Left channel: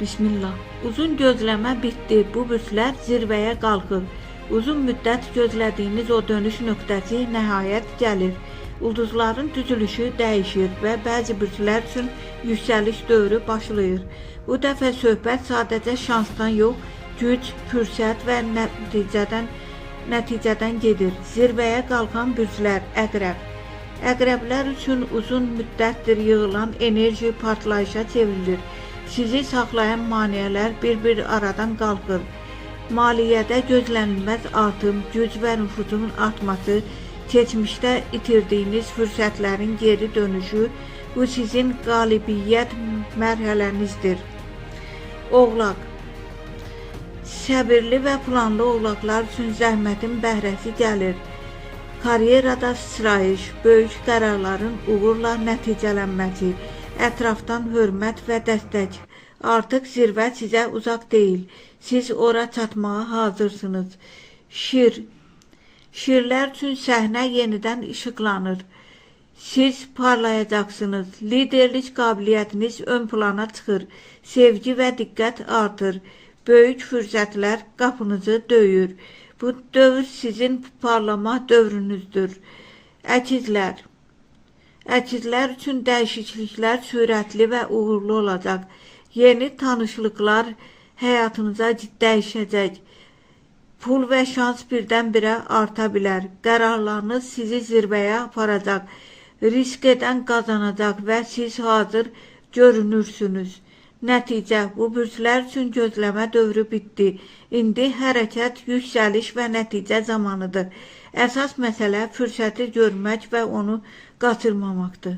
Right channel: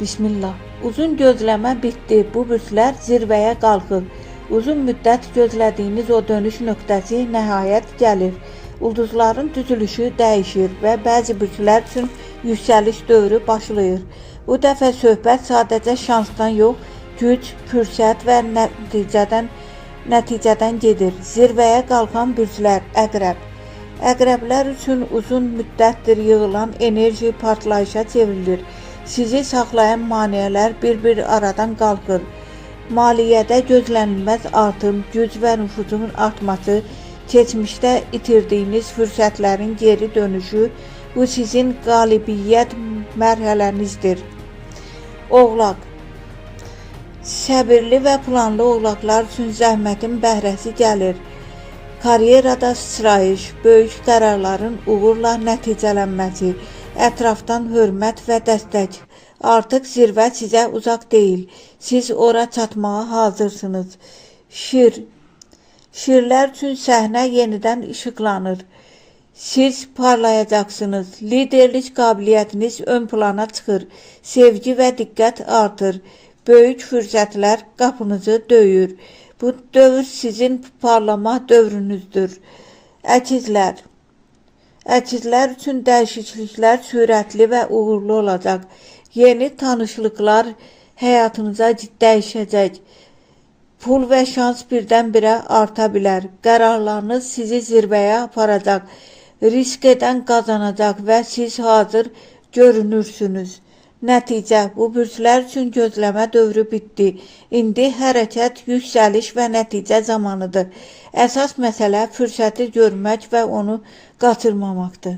Bismillah. Uzun gözləmə bitdi. Bu bürslər zirvəyə qalxır. Uzun müddət gözlədiyiniz o dönüş nöqtəsi nəhayət gəlir. Ulduzların düzülüşü dəyişir və bəzi bürslər üçün yüksəliş dövrü başlayır. Bu dəfə söhbət sadəcə şansdan yox, güc, fürsət və nəticədən gedir. Zirvəyə qalxan bürslər Əqrəb. Əqrəblər üçün uzun müddətdir yığılan enerji partlayışa çevrilir. Sizi saxlayan maneələr bir-bir aradan qalxır. Maliyyədə gözlənilməz artım, güc və nüfuzun artması, keçmişdə itirdiyiniz fürsətlərin geri dönüşü, bu sizin qalibiyyət mərhələnizdir. Oğlaq. Səbirli və planlı oğlaqlar üçün zəhmətin bəhrəsi gəlir. Karyerada sıçrayış, böyük qərarların uğurla nəticələnməsi, ətrafdan hörmət və dəstək. Artıq zirvə sizə uzaq deyil. Siz ora çatmağa hazırsınız. Şirlər üçün səhnə yenidən işıqlanır. Siz parlayacaqsınız. Liderlik qabiliyyətiniz ön plana çıxır. Sevgi və diqqət artır. Böyük fürsətlər qapınızı döyür. Bu dövr sizin parlama dövrünüzdür. Əkizlər. Əkizlər üçün dəyişikliklər sürətli və uğurlu olacaq. Yeni tanışlıqlar həyatınıza dəyişəcək. Pul və şans birdən-birə arta bilər. Qərarlarınız sizi zirvəyə aparacaq. Risk edən qazanacaq və siz hazır görünürsünüz. Nəticə, bu bürslər üçün gözləmə dövrü bitdi. İndi hərəkət, yüksəliş və nəticə zamanıdır. Əsas məsələ fürsəti görmək və onu qaçırmamaqdır.